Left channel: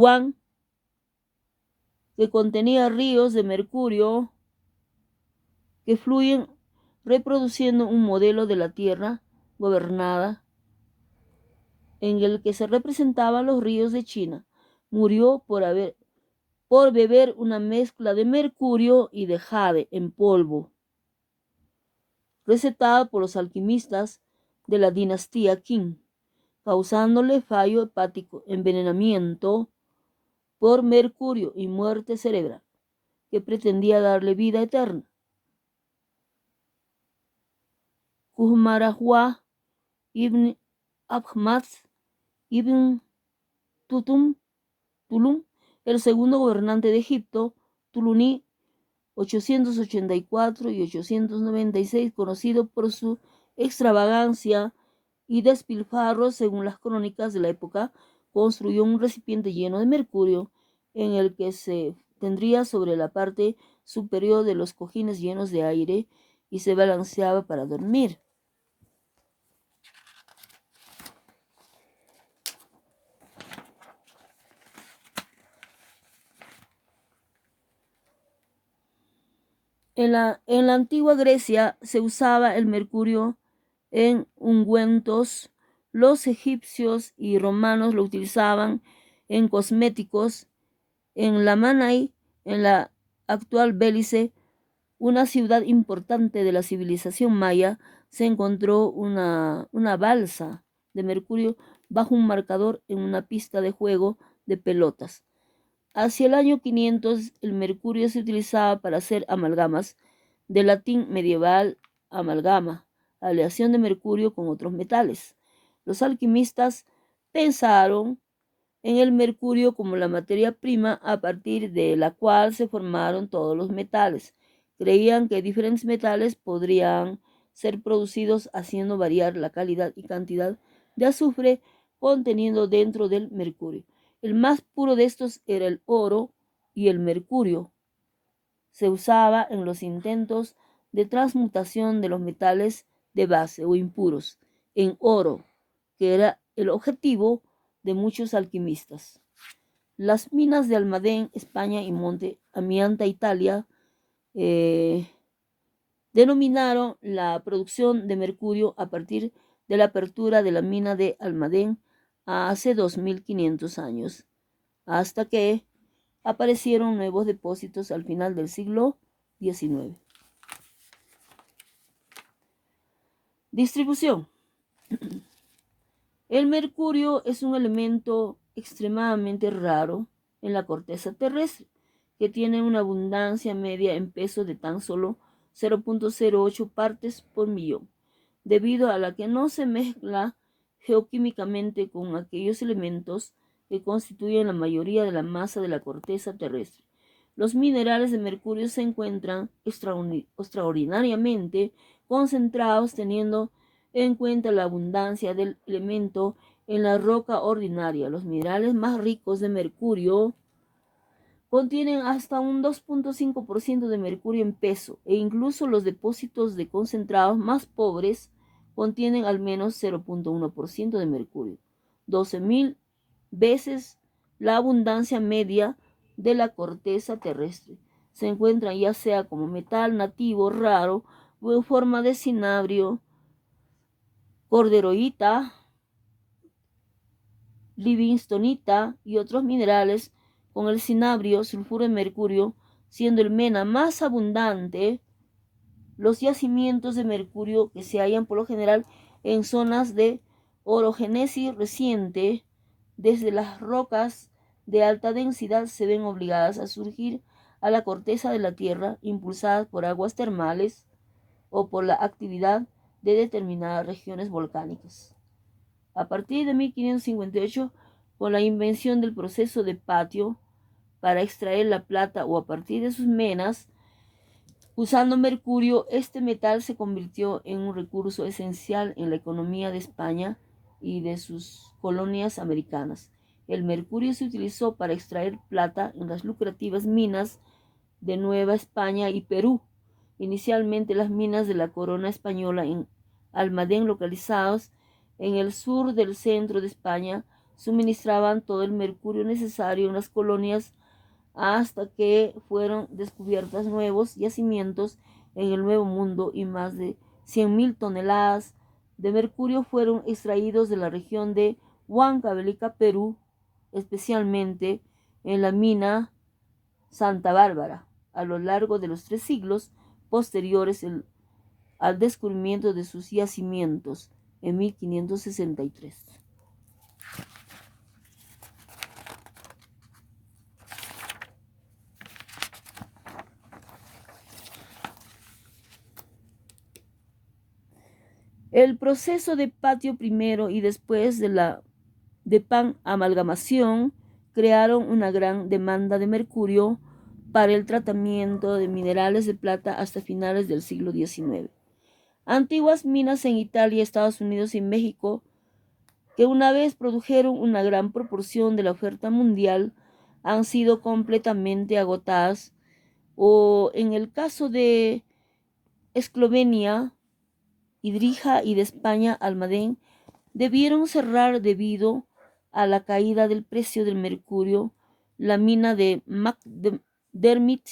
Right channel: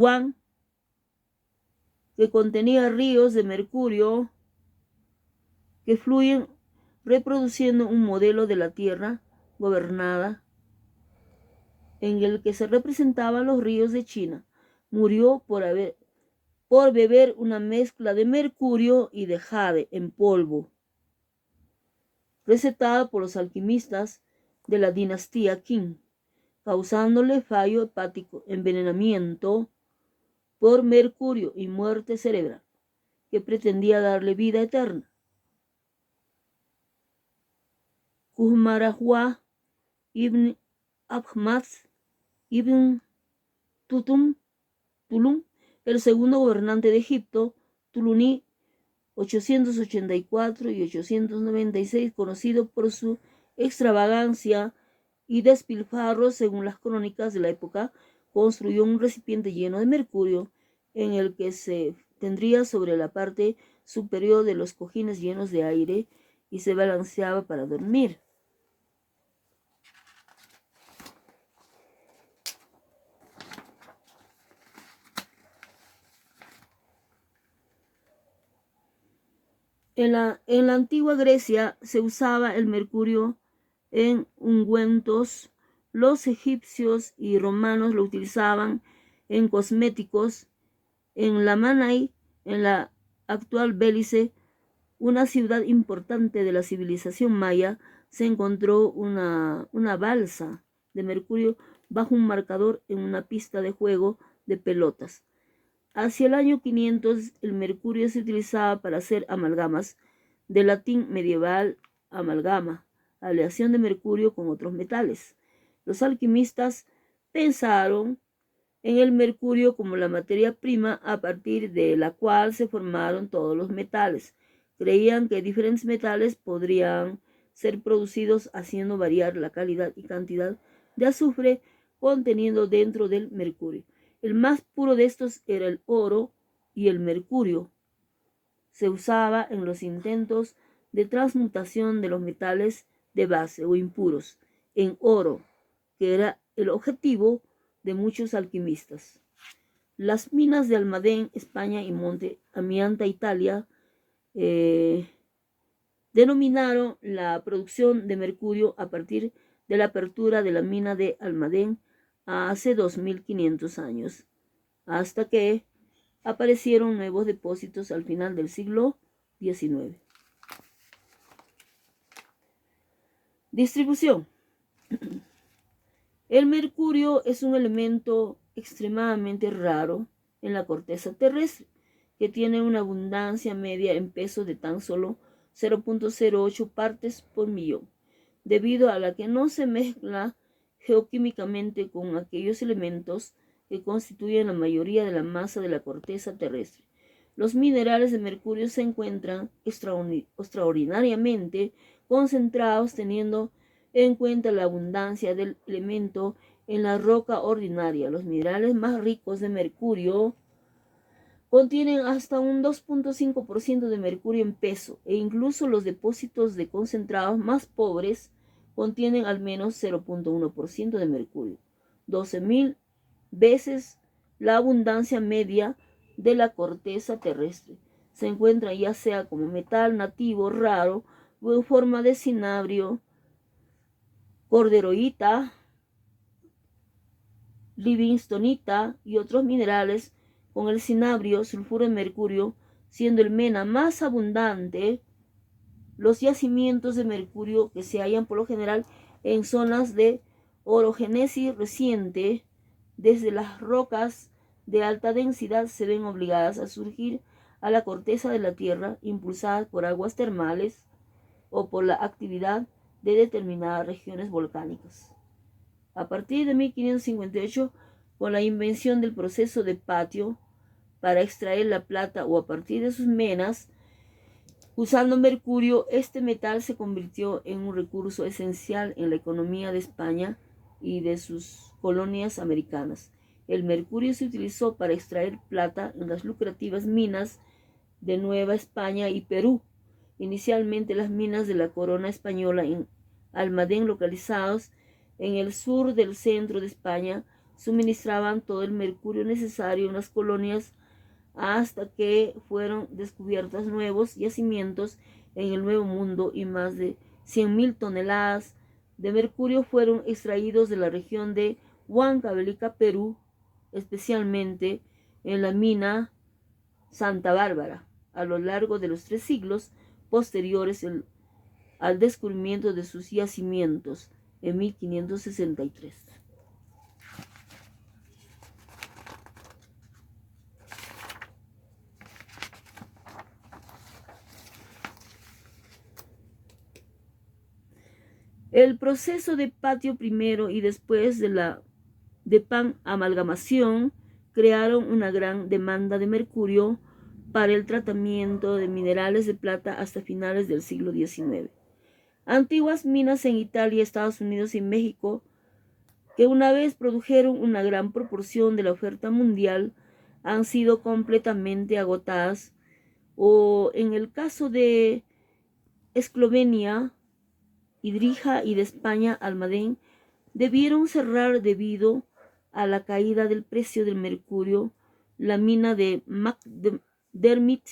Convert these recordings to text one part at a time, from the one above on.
Juan, que contenía ríos de mercurio que fluyen reproduciendo un modelo de la tierra gobernada en el que se representaban los ríos de China. Murió por beber una mezcla de mercurio y de jade en polvo, recetada por los alquimistas de la dinastía Qing, causándole fallo hepático, envenenamiento por mercurio y muerte cerebral, que pretendía darle vida eterna. Kumarahua ibn Ahmad ibn Tulum, el segundo gobernante de Egipto, Tuluní 884 y 896, conocido por su extravagancia y despilfarro según las crónicas de la época, construyó un recipiente lleno de mercurio en el que se tendría sobre la parte superior de los cojines llenos de aire y se balanceaba para dormir. En la antigua Grecia se usaba el mercurio en ungüentos. Los egipcios y romanos lo utilizaban en cosméticos. En Lamanai, en la actual Belice, una ciudad importante de la civilización maya, se encontró una balsa de mercurio bajo un marcador en una pista de juego de pelotas. Hacia el año 500, el mercurio se utilizaba para hacer amalgamas, del latín medieval amalgama, aleación de mercurio con otros metales. Los alquimistas pensaron en el mercurio como la materia prima a partir de la cual se formaron todos los metales. Creían que diferentes metales podrían ser producidos haciendo variar la calidad y cantidad de azufre contenido dentro del mercurio. El más puro de estos era el oro y el mercurio. Se usaba en los intentos de transmutación de los metales de base o impuros en oro, que era el objetivo de muchos alquimistas. Las minas de Almadén, España, y Monte Amianta, Italia, denominaron la producción de mercurio a partir de la apertura de la mina de Almadén hace 2500 años, hasta que aparecieron nuevos depósitos al final del siglo XIX. Distribución. El mercurio es un elemento extremadamente raro en la corteza terrestre, que tiene una abundancia media en peso de tan solo 0.08 partes por millón, debido a la que no se mezcla geoquímicamente con aquellos elementos que constituyen la mayoría de la masa de la corteza terrestre. Los minerales de mercurio se encuentran extraordinariamente concentrados, teniendo en cuenta la abundancia del elemento en la roca ordinaria. Los minerales más ricos de mercurio contienen hasta un 2.5% de mercurio en peso, e incluso los depósitos de concentrados más pobres contienen al menos 0.1% de mercurio, 12.000 veces la abundancia media de la corteza terrestre. Se encuentran ya sea como metal nativo raro o en forma de cinabrio, corderoita, livingstonita y otros minerales, con el cinabrio, sulfuro de mercurio siendo el mena más abundante. Los yacimientos de mercurio que se hallan por lo general en zonas de orogénesis reciente, desde las rocas de alta densidad, se ven obligadas a surgir a la corteza de la Tierra, impulsadas por aguas termales o por la actividad de determinadas regiones volcánicas. A partir de 1558, con la invención del proceso de patio para extraer la plata, o a partir de sus menas, usando mercurio, este metal se convirtió en un recurso esencial en la economía de España y de sus colonias americanas. El mercurio se utilizó para extraer plata en las lucrativas minas de Nueva España y Perú. Inicialmente, las minas de la corona española en Almadén, localizados en el sur del centro de España, suministraban todo el mercurio necesario en las colonias hasta que fueron descubiertos nuevos yacimientos en el Nuevo Mundo y más de 100.000 toneladas de mercurio fueron extraídos de la región de Huancavelica, Perú, especialmente en la mina Santa Bárbara, a lo largo de los 3 siglos posteriores al descubrimiento de sus yacimientos en 1563. El proceso de patio primero y después de pan amalgamación crearon una gran demanda de mercurio para el tratamiento de minerales de plata hasta finales del siglo XIX. Antiguas minas en Italia, Estados Unidos y México, que una vez produjeron una gran proporción de la oferta mundial, han sido completamente agotadas, o en el caso de Eslovenia, Idrija y de España, Almadén, debieron cerrar debido a la caída del precio del mercurio. La mina de McDermott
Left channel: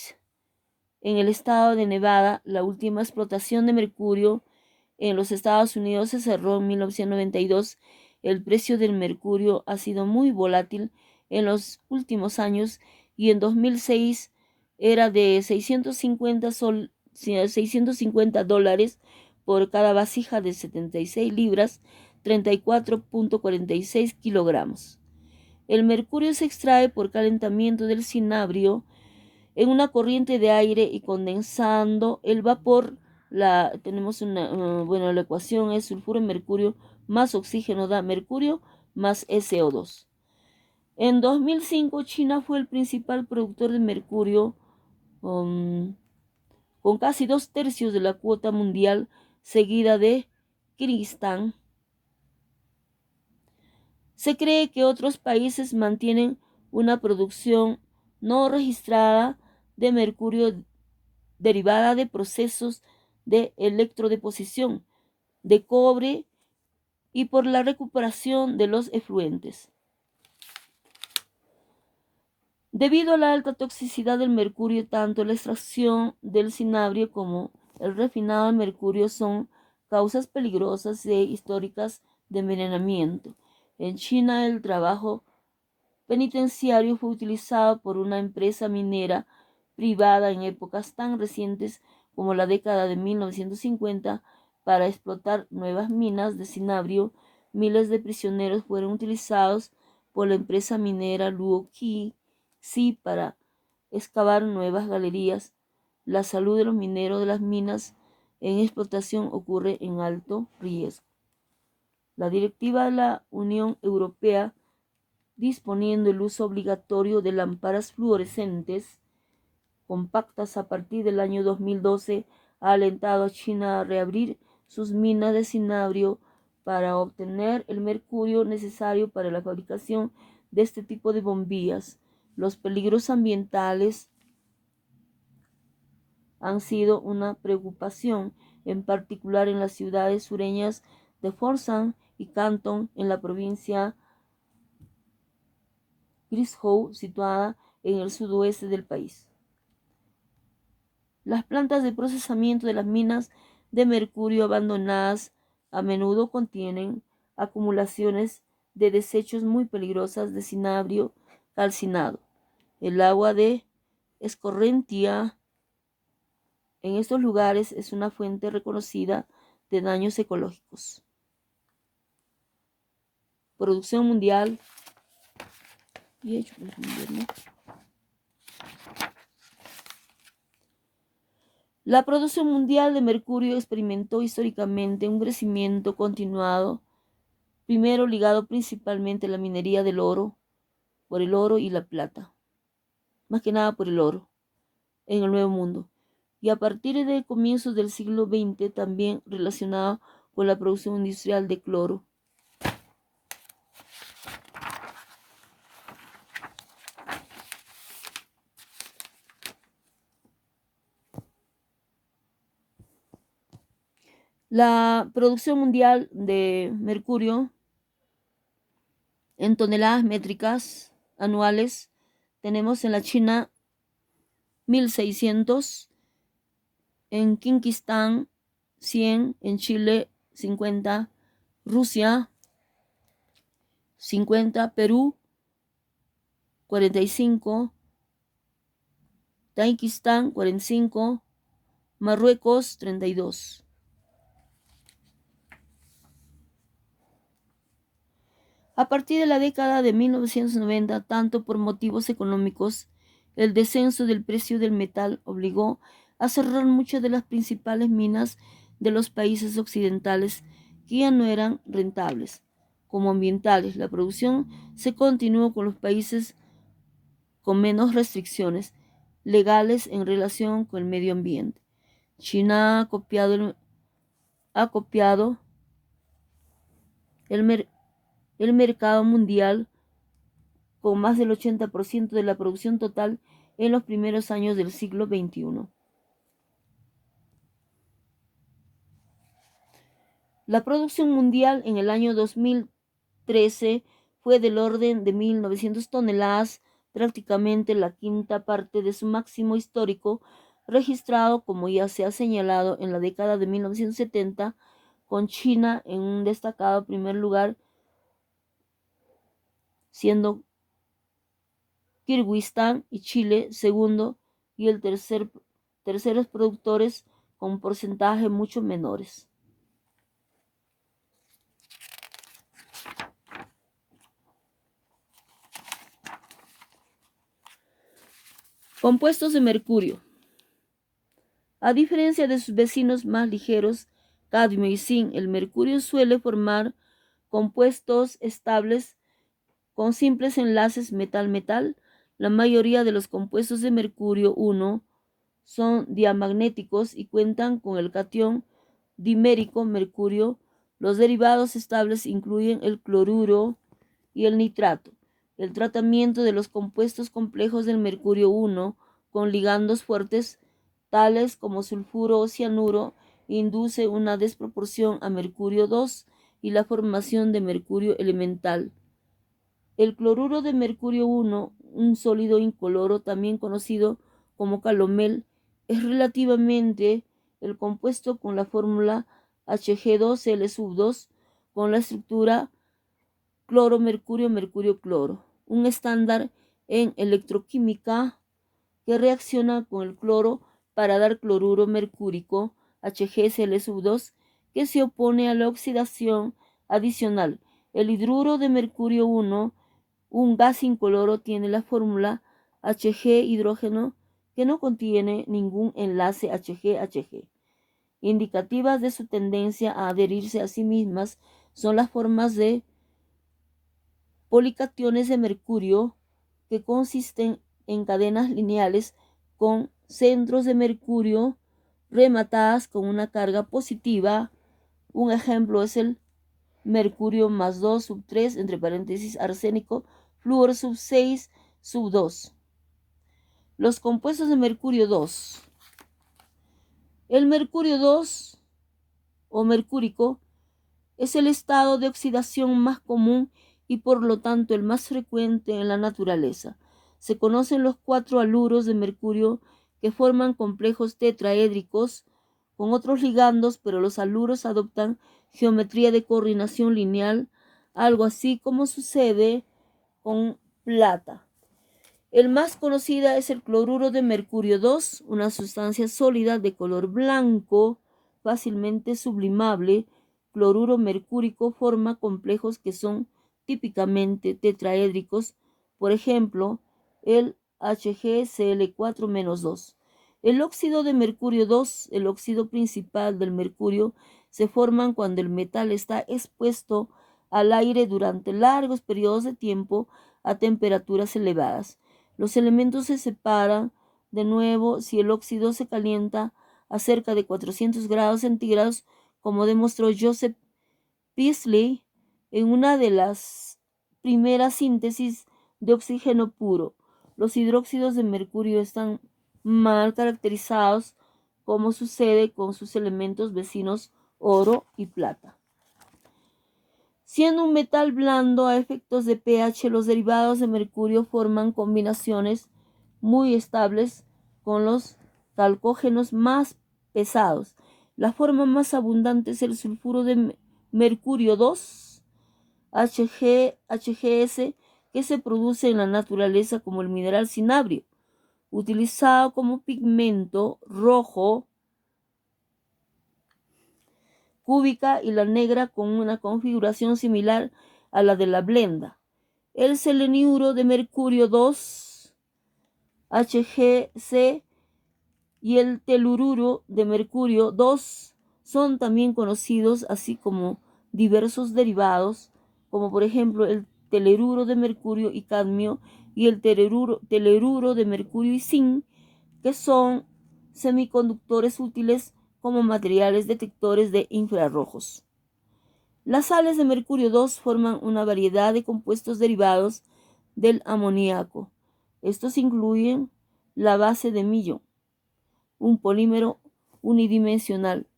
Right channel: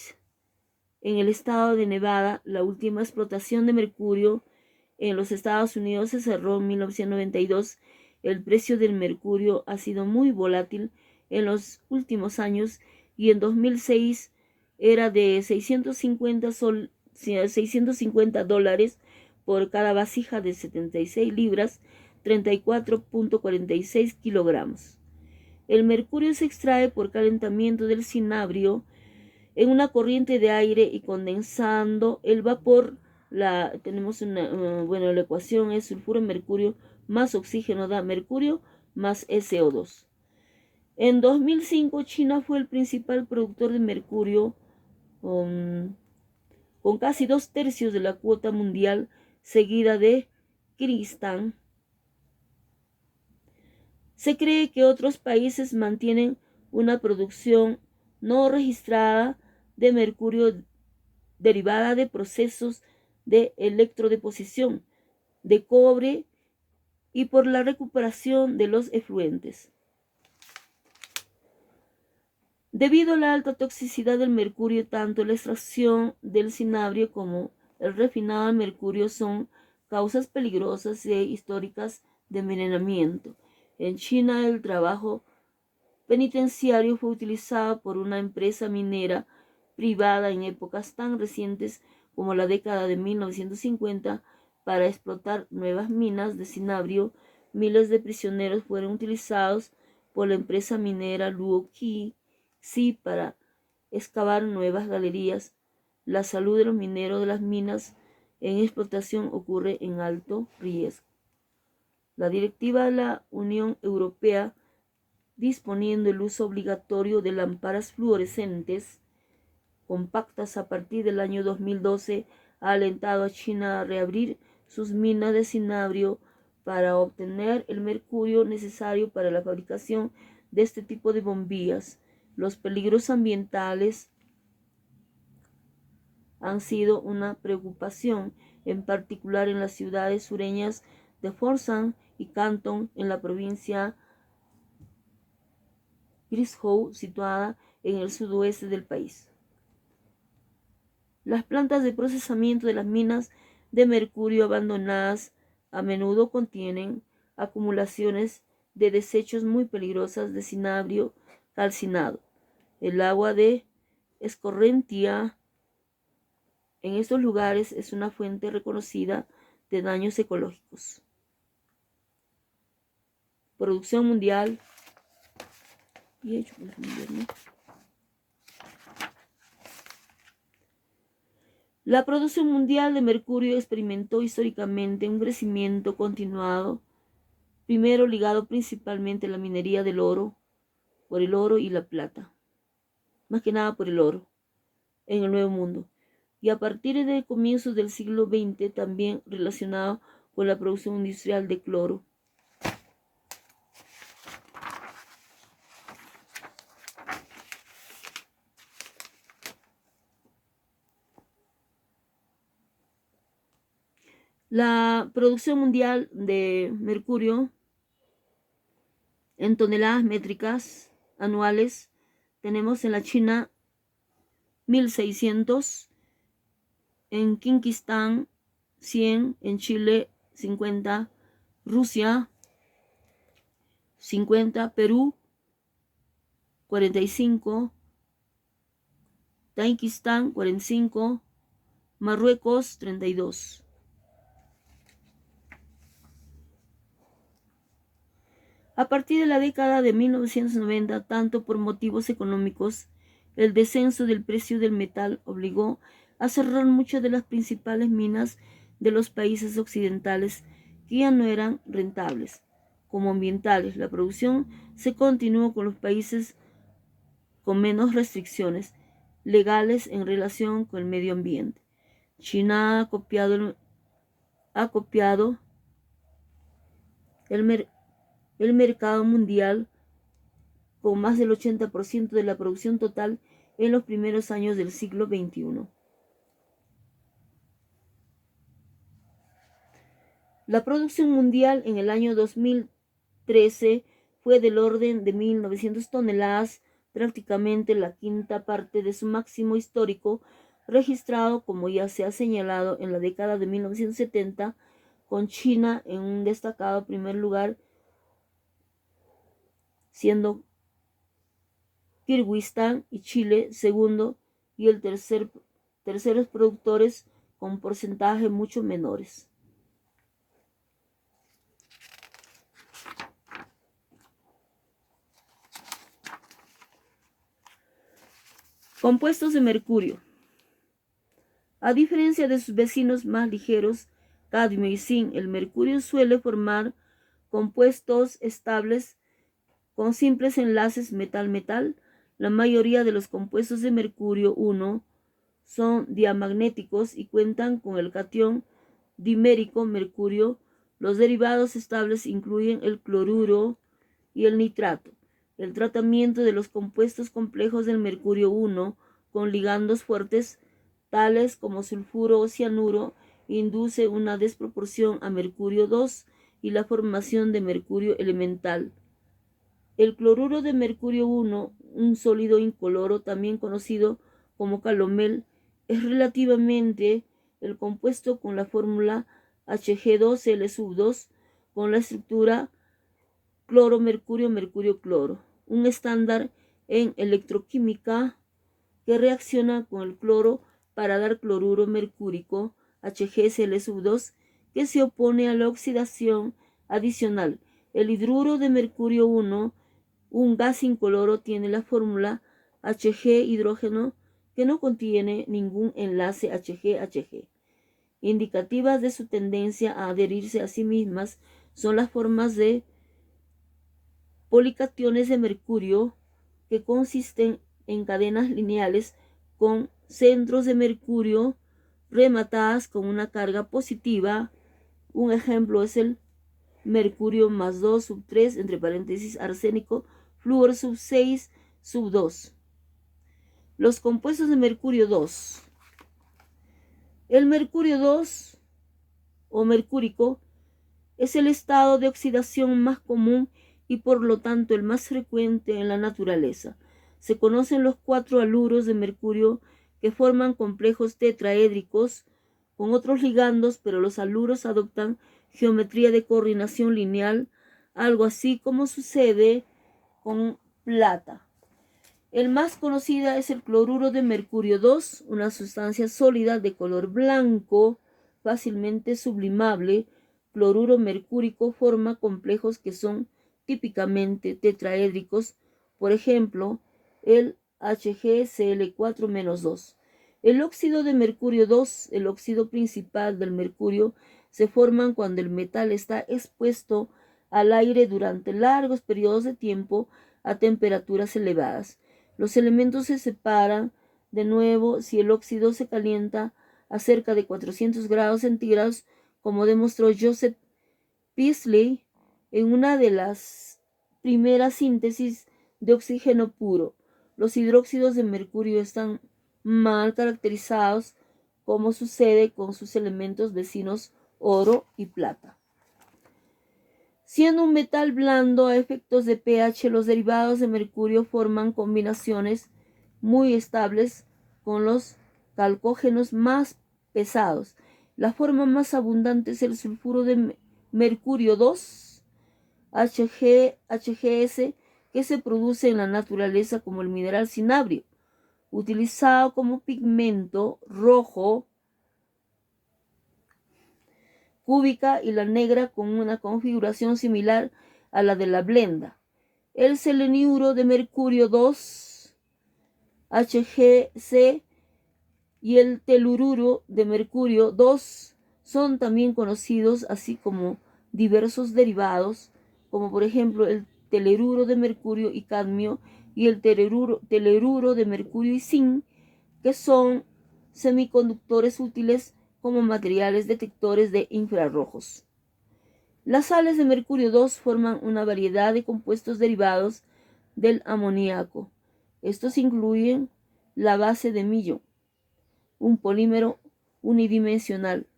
en el estado de Nevada, la última explotación de mercurio en los Estados Unidos, se cerró en 1992. El precio del mercurio ha sido muy volátil en los últimos años y en 2006 era de 650 dólares por cada vasija de 76 libras, 34.46 kilogramos. El mercurio se extrae por calentamiento del cinabrio en una corriente de aire y condensando el vapor. La ecuación es sulfuro en mercurio más oxígeno da mercurio más SO2. En 2005 China fue el principal productor de mercurio con casi 2/3 de la cuota mundial, seguida de Kirguistán. Se cree que otros países mantienen una producción no registrada de mercurio derivada de procesos de electrodeposición de cobre y por la recuperación de los efluentes. Debido a la alta toxicidad del mercurio, tanto la extracción del cinabrio como el refinado del mercurio son causas peligrosas e históricas de envenenamiento. En China, el trabajo penitenciario fue utilizado por una empresa minera privada en épocas tan recientes como la década de 1950 para explotar nuevas minas de cinabrio. Miles de prisioneros fueron utilizados por la empresa minera Luo Qi Si para excavar nuevas galerías. La salud de los mineros de las minas en explotación ocurre en alto riesgo. La directiva de la Unión Europea disponiendo el uso obligatorio de lámparas fluorescentes compactas a partir del año 2012, ha alentado a China a reabrir sus minas de cinabrio para obtener el mercurio necesario para la fabricación de este tipo de bombillas. Los peligros ambientales han sido una preocupación, en particular en las ciudades sureñas de Foshan y Canton, en la provincia Guizhou, situada en el sudoeste del país. Las plantas de procesamiento de las minas de mercurio abandonadas a menudo contienen acumulaciones de desechos muy peligrosas de cinabrio calcinado. El agua de escorrentia en estos lugares es una fuente reconocida de daños ecológicos. Producción mundial. La producción mundial de mercurio experimentó históricamente un crecimiento continuado, primero ligado principalmente a la minería del oro, por el oro y la plata, más que nada por el oro, en el Nuevo Mundo, y a partir de comienzos del siglo XX también relacionado con la producción industrial de cloro. La producción mundial de mercurio En toneladas métricas anuales tenemos en la China 1.600, en Kirguistán 100, en Chile 50, Rusia 50, Perú 45, Tayikistán 45, Marruecos 32. A partir de la década de 1990, tanto por motivos económicos, el descenso del precio del metal obligó a cerrar muchas de las principales minas de los países occidentales que ya no eran rentables. Como ambientales, la producción se continuó con los países con menos restricciones legales en relación con el medio ambiente. China ha copiado el mercado mundial con más del 80% de la producción total en los primeros años del siglo XXI. La producción mundial en el año 2013 fue del orden de 1.900 toneladas, prácticamente la quinta parte de su máximo histórico, registrado, como ya se ha señalado, en la década de 1970, con China en un destacado primer lugar, siendo Kirguistán y Chile segundo y el terceros productores con porcentajes mucho menores. Compuestos de mercurio. A diferencia de sus vecinos más ligeros, cadmio y zinc, el mercurio suele formar compuestos estables con simples enlaces metal-metal. La mayoría de los compuestos de mercurio 1 son diamagnéticos y cuentan con el catión dimérico mercurio. Los derivados estables incluyen el cloruro y el nitrato. El tratamiento de los compuestos complejos del mercurio 1 con ligandos fuertes, tales como sulfuro o cianuro, induce una desproporción a mercurio 2 y la formación de mercurio elemental. El cloruro de mercurio 1, un sólido incoloro también conocido como calomel, es relativamente el compuesto con la fórmula Hg2Cl2 con la estructura cloro-mercurio-mercurio-cloro, un estándar en electroquímica que reacciona con el cloro para dar cloruro mercúrico HgCl2, que se opone a la oxidación adicional. El hidruro de mercurio 1, un gas incoloro, tiene la fórmula Hg hidrógeno que no contiene ningún enlace Hg-Hg. Indicativas de su tendencia a adherirse a sí mismas son las formas de policationes de mercurio que consisten en cadenas lineales con centros de mercurio rematadas con una carga positiva. Un ejemplo es el mercurio más 2 sub 3, entre paréntesis arsénico, flúor sub 6 sub 2. Los compuestos de mercurio 2. El mercurio 2 o mercúrico es el estado de oxidación más común y por lo tanto el más frecuente en la naturaleza. Se conocen los 4 haluros de mercurio que forman complejos tetraédricos con otros ligandos, pero los haluros adoptan geometría de coordinación lineal, algo así como sucede con plata. El más conocido es el cloruro de mercurio 2, una sustancia sólida de color blanco, fácilmente sublimable. Cloruro mercúrico forma complejos que son típicamente tetraédricos, por ejemplo, el HgCl4-2. El óxido de mercurio 2, el óxido principal del mercurio, se forman cuando el metal está expuesto al aire durante largos periodos de tiempo a temperaturas elevadas. Los elementos se separan de nuevo si el óxido se calienta a cerca de 400 grados centígrados, como demostró Joseph Priestley en una de las primeras síntesis de oxígeno puro. Los hidróxidos de mercurio están mal caracterizados, como sucede con sus elementos vecinos oro y plata. Siendo un metal blando a efectos de pH, los derivados de mercurio forman combinaciones muy estables con los calcógenos más pesados. La forma más abundante es el sulfuro de mercurio 2, HGS, que se produce en la naturaleza como el mineral cinabrio, utilizado como pigmento rojo cúbica, y la negra con una configuración similar a la de la blenda. El seleniuro de mercurio 2, HGC, y el telururo de mercurio 2 son también conocidos, así como diversos derivados, como por ejemplo el teleruro de mercurio y cadmio y el teleruro de mercurio y zinc, que son semiconductores útiles como materiales detectores de infrarrojos. Las sales de mercurio 2 forman una variedad de compuestos derivados del amoníaco. Estos incluyen la base de Millón, un polímero unidimensional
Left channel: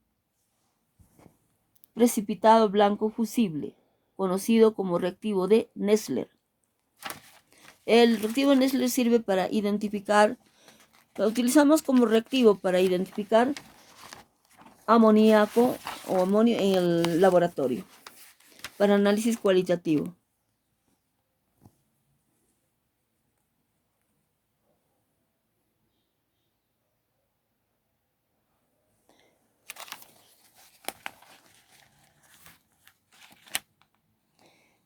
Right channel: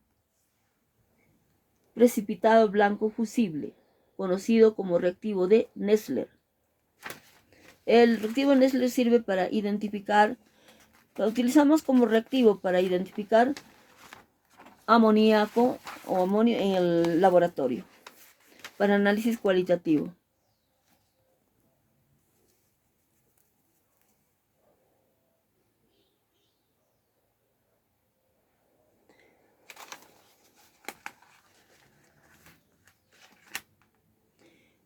precipitado blanco fusible, conocido como reactivo de Nessler. El reactivo Nessler sirve para identificar, lo utilizamos como reactivo para identificar amoníaco o amonio en el laboratorio para análisis cualitativo.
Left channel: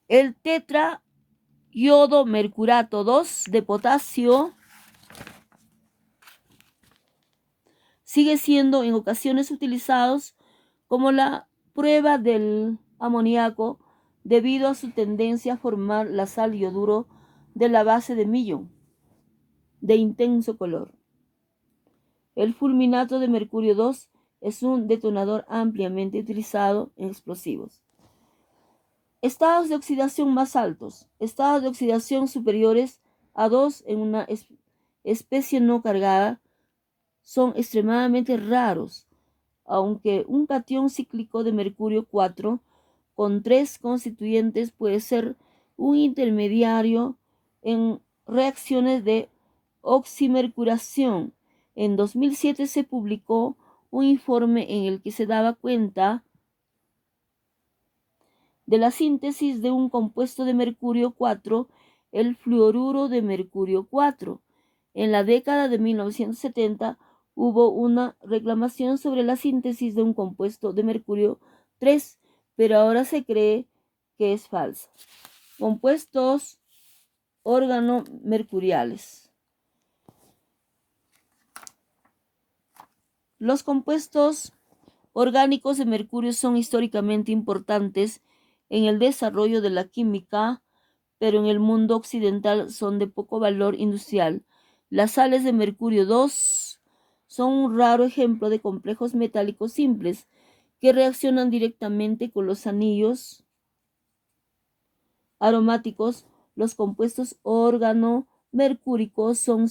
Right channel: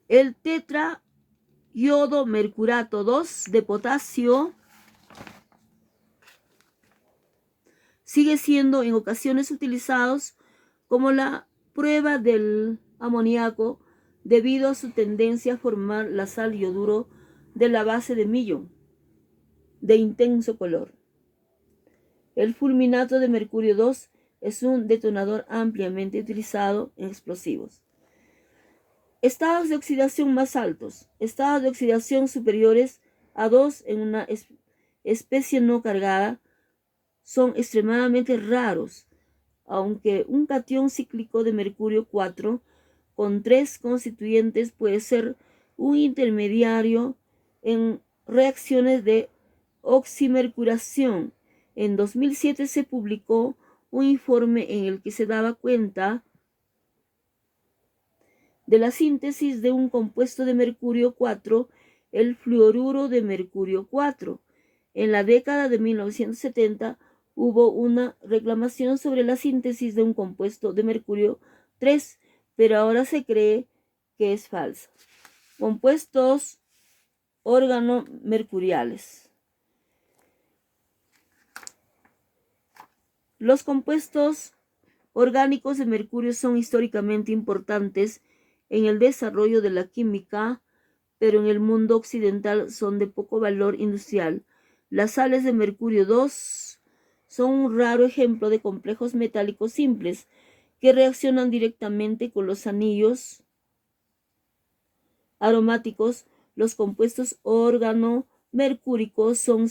El tetraiodomercurato 2 de potasio sigue siendo en ocasiones utilizados como la prueba del amoníaco debido a su tendencia a formar la sal yoduro de la base de Millón, de intenso color. El fulminato de mercurio 2 es un detonador ampliamente utilizado en explosivos. Estados de oxidación más altos. Estados de oxidación superiores a 2 en una especie no cargada son extremadamente raros, aunque un catión cíclico de mercurio 4 con 3 constituyentes puede ser un intermediario en reacciones de oximercuración. En 2007 se publicó un informe en el que se daba cuenta de la síntesis de un compuesto de mercurio 4, el fluoruro de mercurio 4. En la década de 1970 hubo una reclamación sobre la síntesis de un compuesto de mercurio 3, pero ahora se cree que es falsa. Compuestos organomercuriales. Los compuestos orgánicos de mercurio son históricamente importantes en el desarrollo de la química, pero en el mundo occidental son de poco valor industrial. Las sales de mercurio 2 son un raro ejemplo de complejos metálicos simples que reaccionan directamente con los anillos aromáticos. Los compuestos organomercúricos son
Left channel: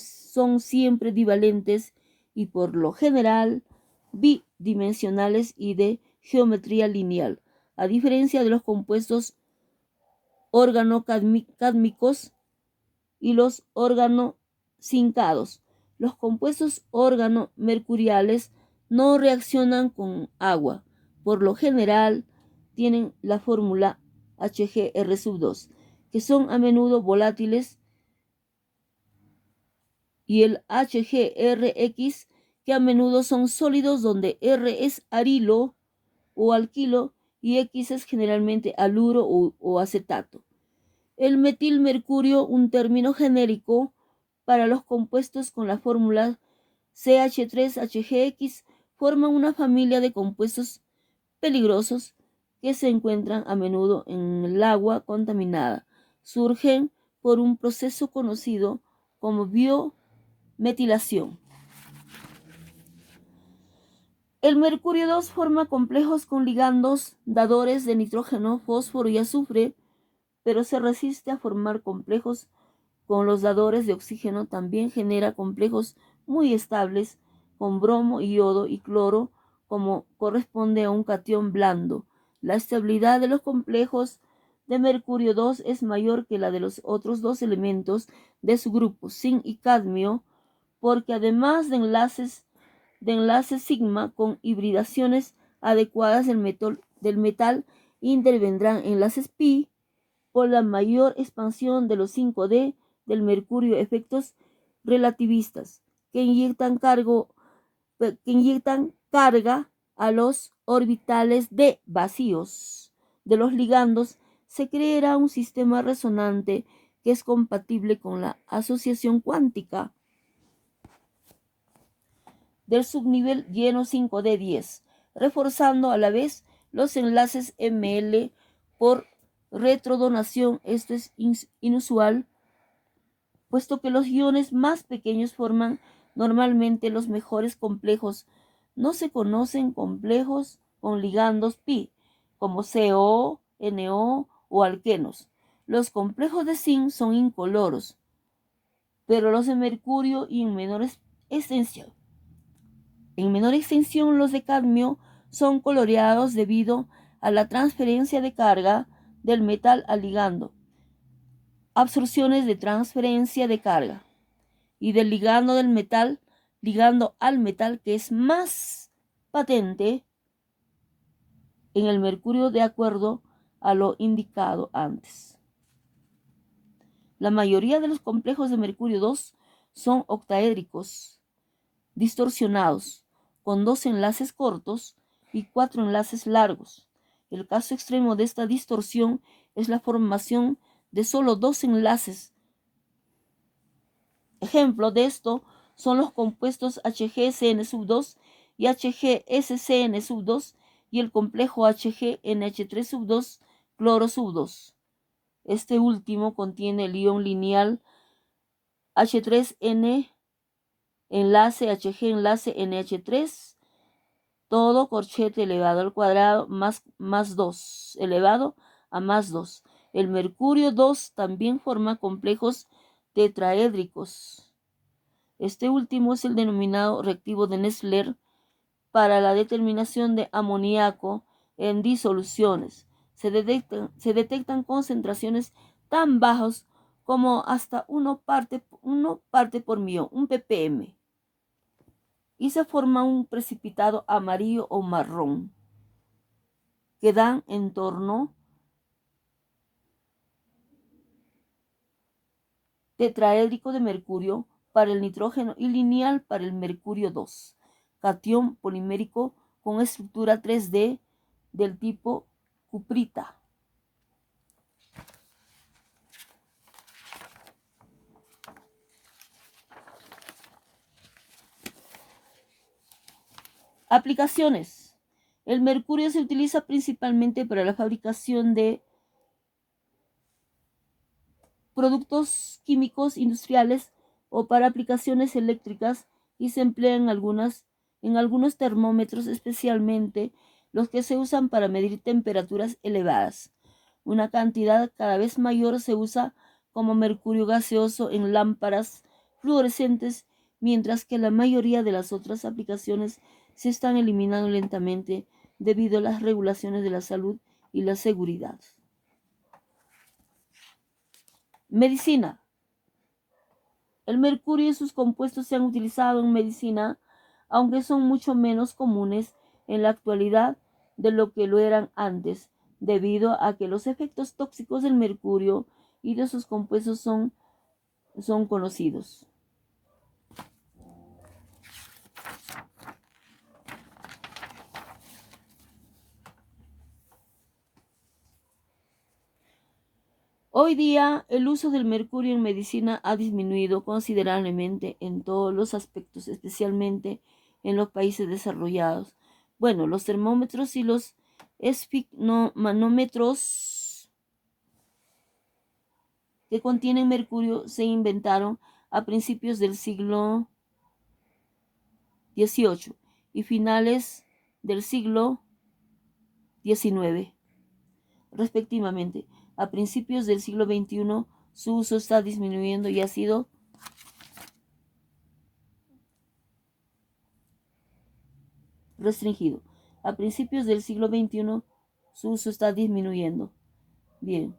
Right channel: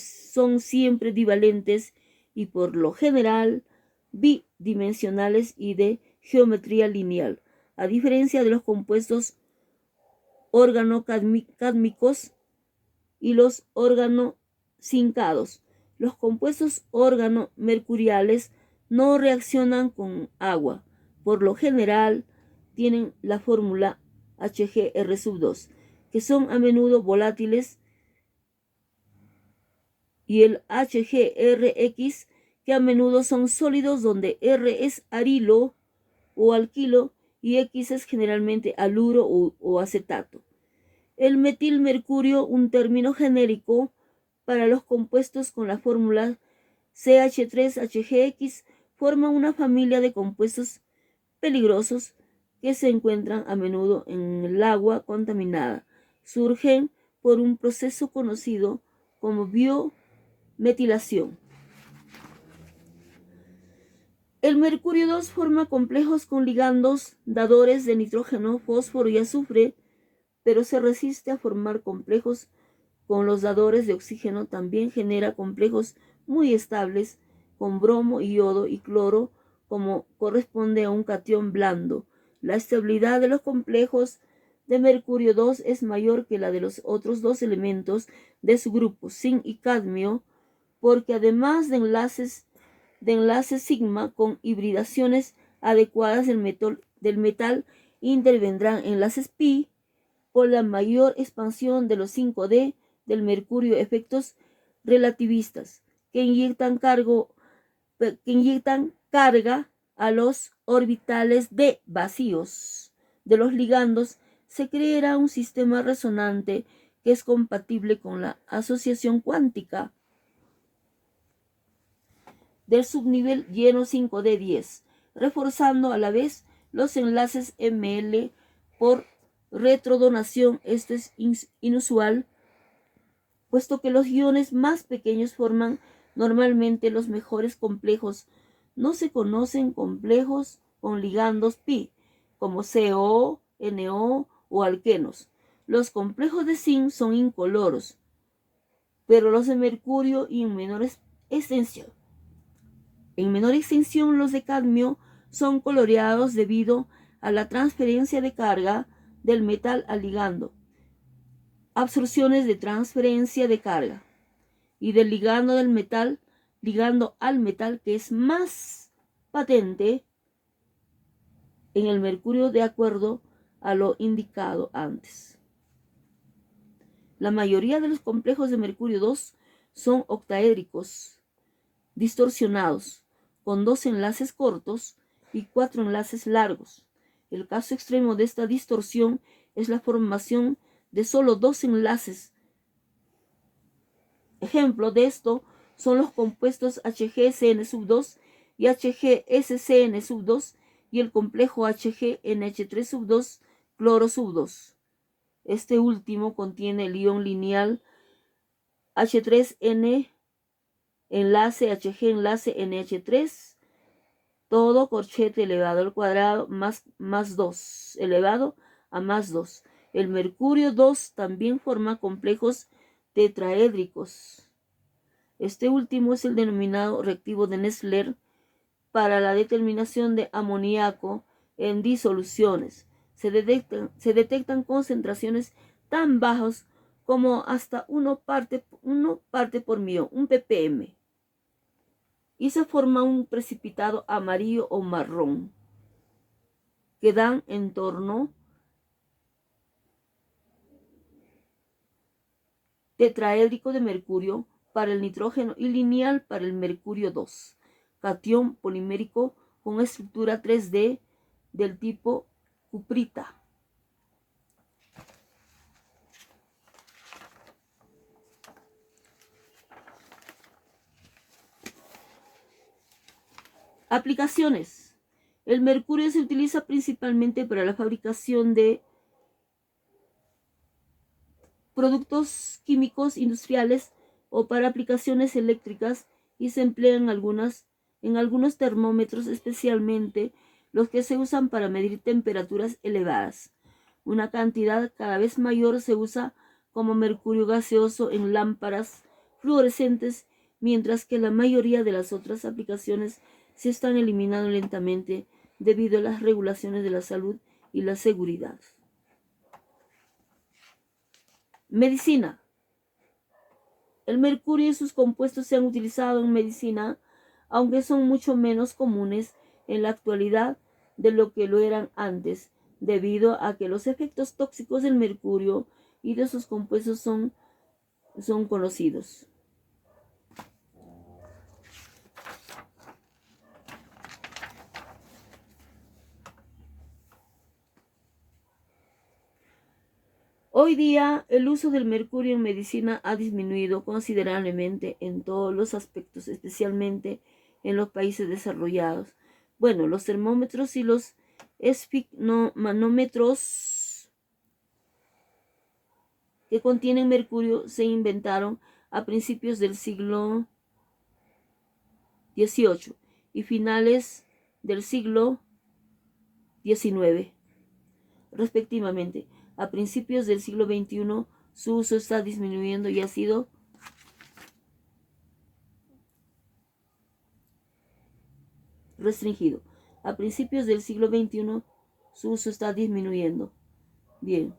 siempre divalentes y por lo general bidimensionales y de geometría lineal, a diferencia de los compuestos organocádmicos y los organozincados. Los compuestos organomercuriales no reaccionan con agua. Por lo general tienen la fórmula HgR2, que son a menudo volátiles, y el HgRX, que a menudo son sólidos, donde R es arilo o alquilo y X es generalmente haluro o acetato. El metilmercurio, un término genérico para los compuestos con la fórmula CH3HGX, forma una familia de compuestos peligrosos que se encuentran a menudo en el agua contaminada. Surgen por un proceso conocido como biometilación. El mercurio 2 forma complejos con ligandos dadores de nitrógeno, fósforo y azufre, pero se resiste a formar complejos con los dadores de oxígeno. También genera complejos muy estables con bromo, yodo y cloro, como corresponde a un catión blando. La estabilidad de los complejos de mercurio 2 es mayor que la de los otros dos elementos de su grupo, zinc y cadmio, porque además de enlaces sigma con hibridaciones adecuadas del metal intervendrán enlaces pi por la mayor expansión de los 5D del mercurio, efectos relativistas que inyectan carga a los orbitales de vacíos de los ligandos. Se creará un sistema resonante que es compatible con la asociación cuántica del subnivel lleno 5D10, reforzando a la vez los enlaces ML por retrodonación. Esto es inusual, puesto que los iones más pequeños forman normalmente los mejores complejos. No se conocen complejos con ligandos pi, como CO, NO o alquenos. Los complejos de zinc son incoloros, pero los de mercurio y en menor extensión. En menor extensión, los de cadmio son coloreados debido a la transferencia de carga del metal al ligando, absorciones de transferencia de carga, y del ligando del metal, ligando al metal, que es más patente en el mercurio de acuerdo a lo indicado antes. La mayoría de los complejos de mercurio 2 son octaédricos, distorsionados, con 2 enlaces cortos y 4 enlaces largos. El caso extremo de esta distorsión es la formación de solo 2 enlaces. Ejemplo de esto son los compuestos HgCN2 y HgSCN2 y el complejo HgNH3 cloro 2. Este último contiene el ion lineal H3N enlace Hg enlace NH3, todo corchete elevado al cuadrado más 2, elevado a más 2. El mercurio 2 también forma complejos tetraédricos. Este último es el denominado reactivo de Nessler para la determinación de amoníaco en disoluciones. Se detectan concentraciones tan bajas como hasta 1 parte por millón, un ppm, y se forma un precipitado amarillo o marrón que dan en torno tetraédrico de mercurio para el nitrógeno y lineal para el mercurio 2, catión polimérico con estructura 3D del tipo cuprita. Aplicaciones. El mercurio se utiliza principalmente para la fabricación de productos químicos industriales o para aplicaciones eléctricas, y se emplea en algunos termómetros, especialmente los que se usan para medir temperaturas elevadas. Una cantidad cada vez mayor se usa como mercurio gaseoso en lámparas fluorescentes, mientras que la mayoría de las otras aplicaciones se están eliminando lentamente debido a las regulaciones de la salud y la seguridad. Medicina. El mercurio y sus compuestos se han utilizado en medicina, aunque son mucho menos comunes en la actualidad de lo que lo eran antes, debido a que los efectos tóxicos del mercurio y de sus compuestos son conocidos. Hoy día, el uso del mercurio en medicina ha disminuido considerablemente en todos los aspectos, especialmente en los países desarrollados. Bueno, los termómetros y los esfigmomanómetros que contienen mercurio se inventaron a principios del siglo XVIII y finales del siglo XIX, respectivamente. A principios del siglo XXI, su uso está disminuyendo y ha sido restringido. A principios del siglo XXI, su uso está disminuyendo Bien.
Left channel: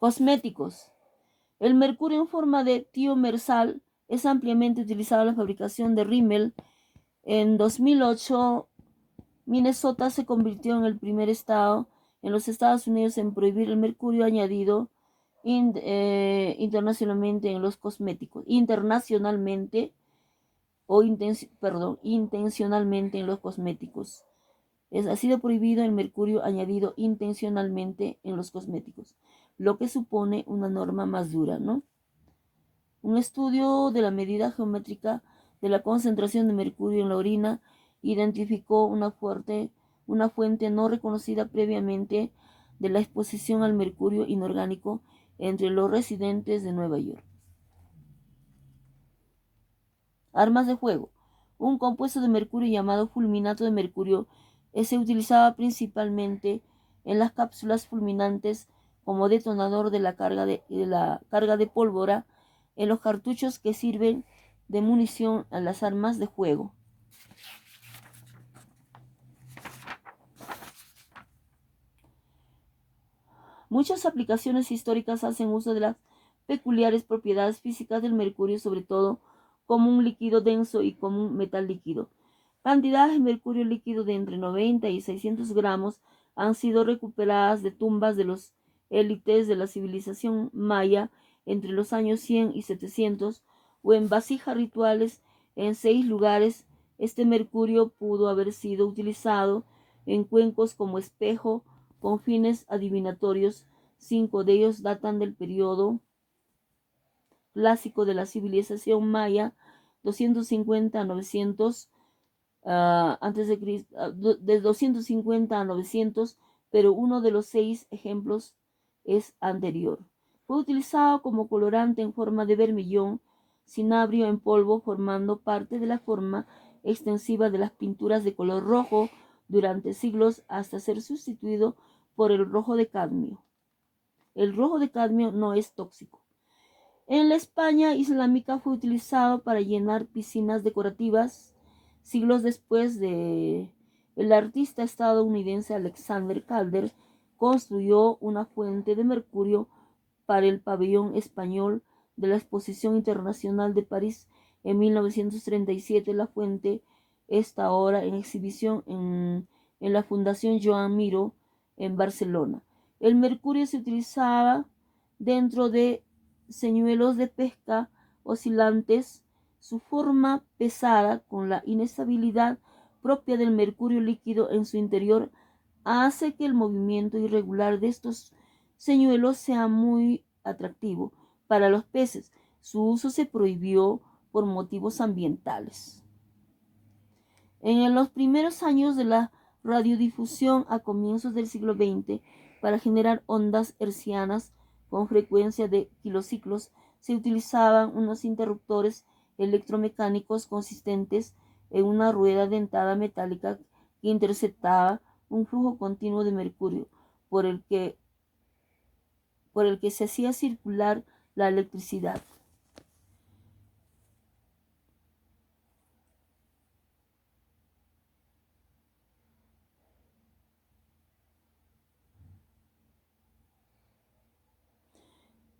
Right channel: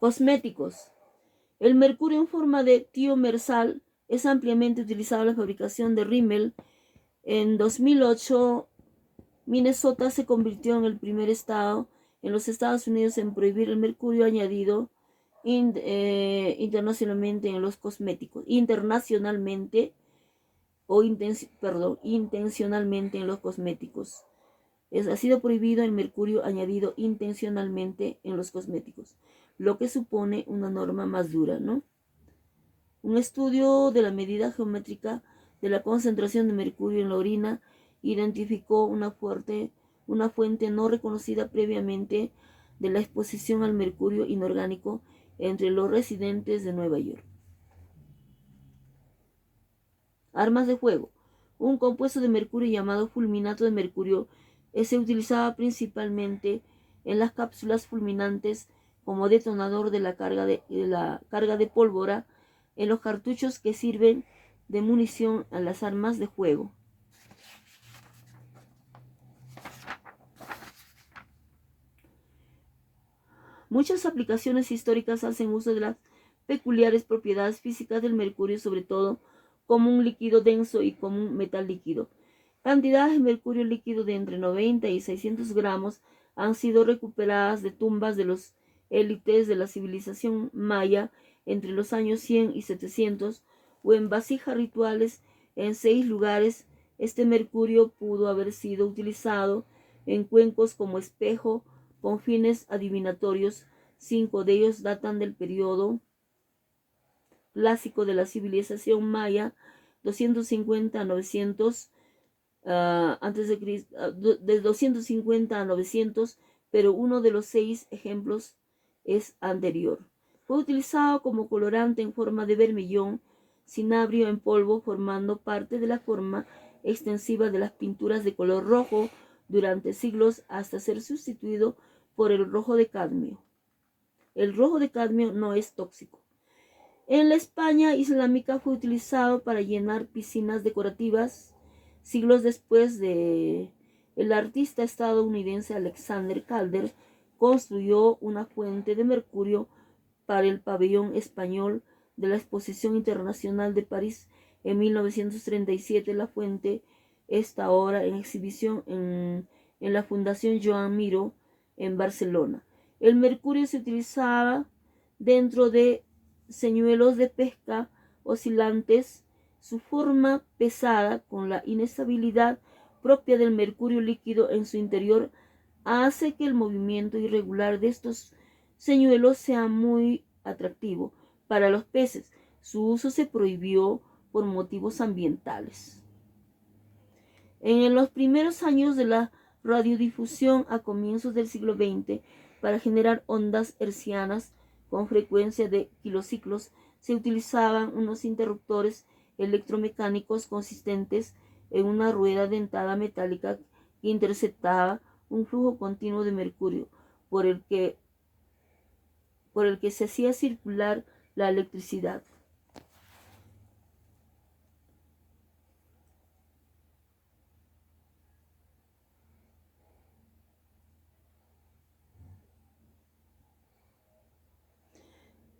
Cosméticos. El mercurio en forma de tiomersal es ampliamente utilizado en la fabricación de rímel. En 2008, Minnesota se convirtió en el primer estado en los Estados Unidos en prohibir el mercurio añadido internacionalmente en los cosméticos. Intencionalmente en los cosméticos. Ha sido prohibido el mercurio añadido intencionalmente en los cosméticos, lo que supone una norma más dura, ¿no? Un estudio de la medida geométrica de la concentración de mercurio en la orina identificó una fuente no reconocida previamente de la exposición al mercurio inorgánico entre los residentes de Nueva York. Armas de fuego. Un compuesto de mercurio llamado fulminato de mercurio se utilizaba principalmente en las cápsulas fulminantes como detonador de la carga de pólvora en los cartuchos que sirven de munición a las armas de fuego. Muchas aplicaciones históricas hacen uso de las peculiares propiedades físicas del mercurio, sobre todo como un líquido denso y como un metal líquido. Cantidades de mercurio líquido de entre 90 y 600 gramos han sido recuperadas de tumbas de los élites de la civilización maya entre los años 100 y 700 o en vasijas rituales en 6 lugares. Este mercurio pudo haber sido utilizado en cuencos como espejo con fines adivinatorios. 5 de ellos datan del periodo clásico de la civilización maya, 250 a 900 antes de Cristo, de 250 a 900, pero uno de los 6 ejemplos es anterior. Fue utilizado como colorante en forma de vermillón, cinabrio en polvo, formando parte de la forma extensiva de las pinturas de color rojo durante siglos hasta ser sustituido por el rojo de cadmio. El rojo de cadmio no es tóxico. En la España islámica fue utilizado para llenar piscinas decorativas. Siglos después, el artista estadounidense Alexander Calder construyó una fuente de mercurio para el pabellón español de la Exposición Internacional de París en 1937. La fuente está ahora en exhibición en la Fundación Joan Miró en Barcelona. El mercurio se utilizaba dentro de señuelos de pesca oscilantes. Su forma pesada, con la inestabilidad propia del mercurio líquido en su interior, hace que el movimiento irregular de estos señuelos sea muy atractivo para los peces. Su uso se prohibió por motivos ambientales. En los primeros años de la radiodifusión a comienzos del siglo XX, para generar ondas hertzianas con frecuencia de kilociclos, se utilizaban unos interruptores electromecánicos consistentes en una rueda dentada metálica que interceptaba un flujo continuo de mercurio por el que se hacía circular la electricidad.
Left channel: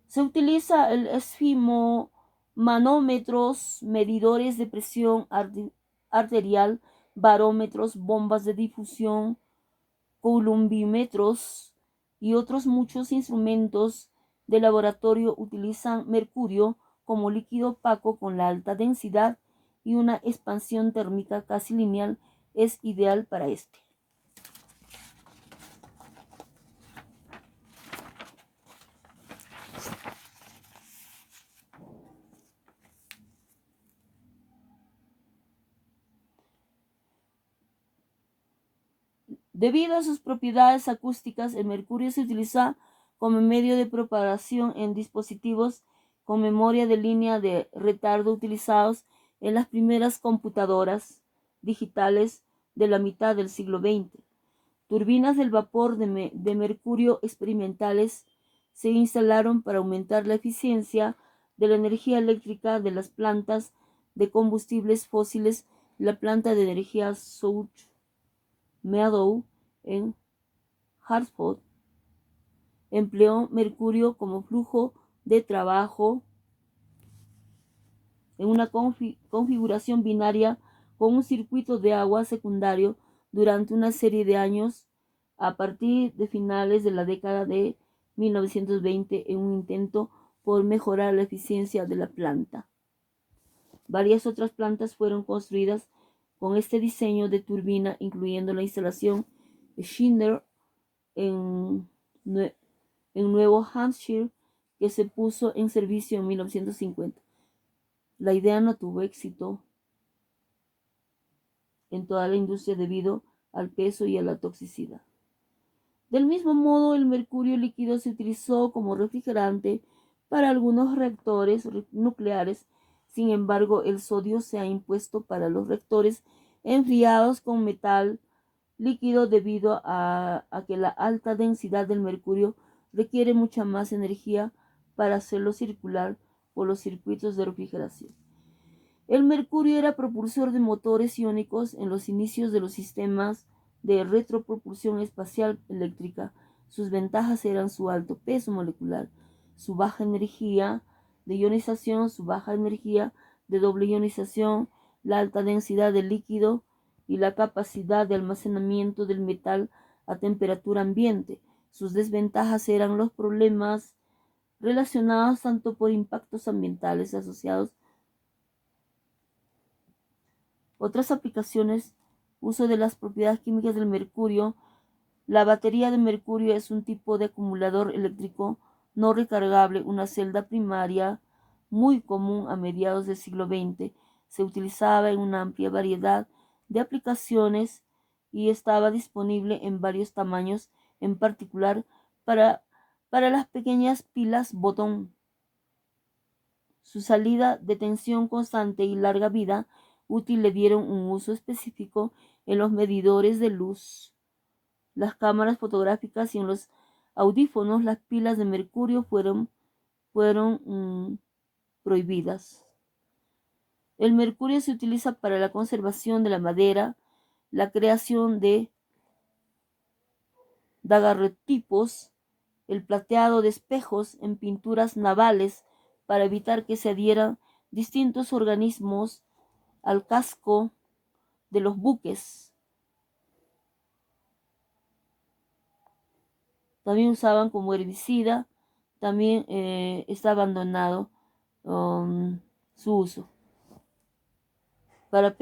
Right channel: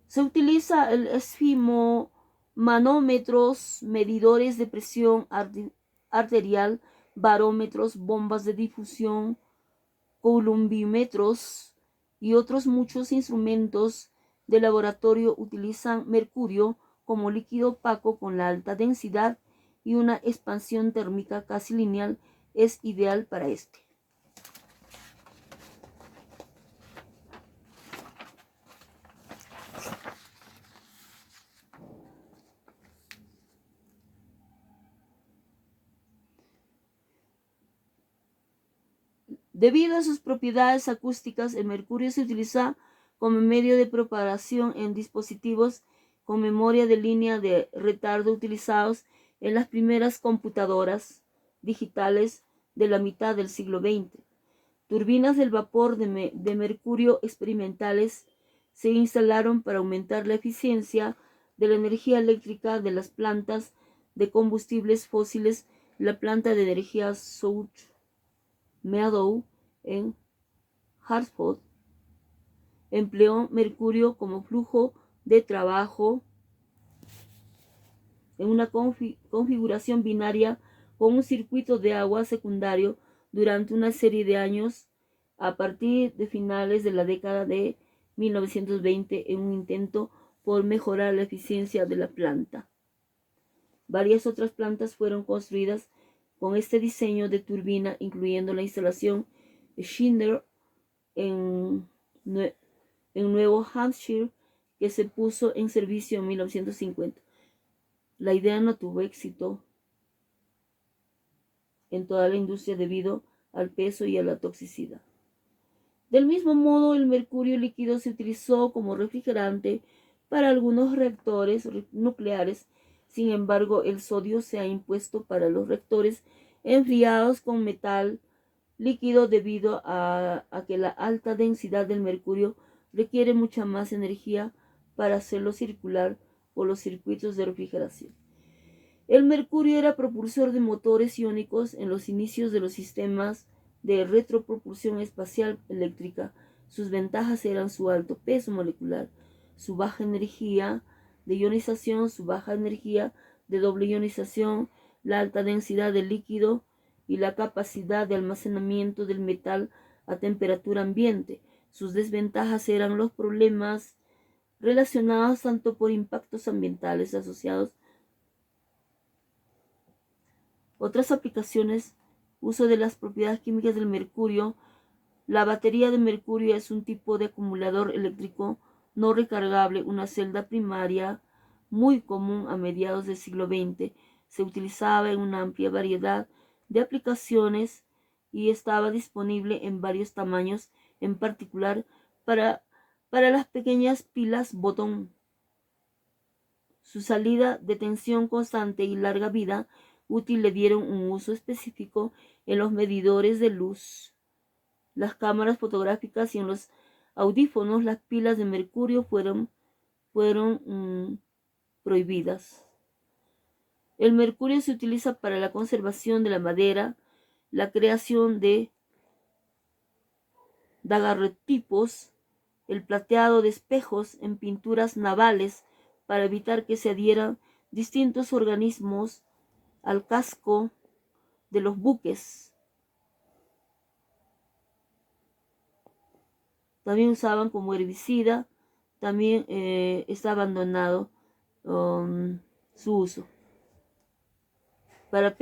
Se utiliza el esfimomanómetros, medidores de presión arterial, barómetros, bombas de difusión, coulombímetros y otros muchos instrumentos de laboratorio utilizan mercurio como líquido opaco con la alta densidad y una expansión térmica casi lineal es ideal para este. Debido a sus propiedades acústicas, el mercurio se utiliza como medio de propagación en dispositivos con memoria de línea de retardo utilizados en las primeras computadoras digitales de la mitad del siglo XX. Turbinas del vapor de mercurio experimentales se instalaron para aumentar la eficiencia de la energía eléctrica de las plantas de combustibles fósiles. La planta de energía South Meadow en Hartford empleó mercurio como flujo de trabajo en una configuración binaria con un circuito de agua secundario durante una serie de años a partir de finales de la década de 1920 en un intento por mejorar la eficiencia de la planta. Varias otras plantas fueron construidas con este diseño de turbina, incluyendo la instalación Schindler en Nuevo Hampshire, que se puso en servicio en 1950. La idea no tuvo éxito en toda la industria debido al peso y a la toxicidad. Del mismo modo, el mercurio líquido se utilizó como refrigerante para algunos reactores nucleares. Sin embargo, el sodio se ha impuesto para los reactores enfriados con metal líquido debido a que la alta densidad del mercurio requiere mucha más energía para hacerlo circular por los circuitos de refrigeración. El mercurio era propulsor de motores iónicos en los inicios de los sistemas de retropropulsión espacial eléctrica. Sus ventajas eran su alto peso molecular, su baja energía de ionización, su baja energía de doble ionización, la alta densidad del líquido y la capacidad de almacenamiento del metal a temperatura ambiente. Sus desventajas eran los problemas relacionados tanto por impactos ambientales asociados. Otras aplicaciones: uso de las propiedades químicas del mercurio. La batería de mercurio es un tipo de acumulador eléctrico no recargable, una celda primaria muy común a mediados del siglo XX. Se utilizaba en una amplia variedad de aplicaciones y estaba disponible en varios tamaños, en particular para las pequeñas pilas botón. Su salida de tensión constante y larga vida útil le dieron un uso específico en los medidores de luz, las cámaras fotográficas y en los audífonos. Las pilas de mercurio fueron prohibidas. El mercurio se utiliza para la conservación de la madera, la creación de daguerrotipos, el plateado de espejos en pinturas navales para evitar que se adhieran distintos organismos al casco de los buques. También usaban como herbicida. También está abandonado su uso para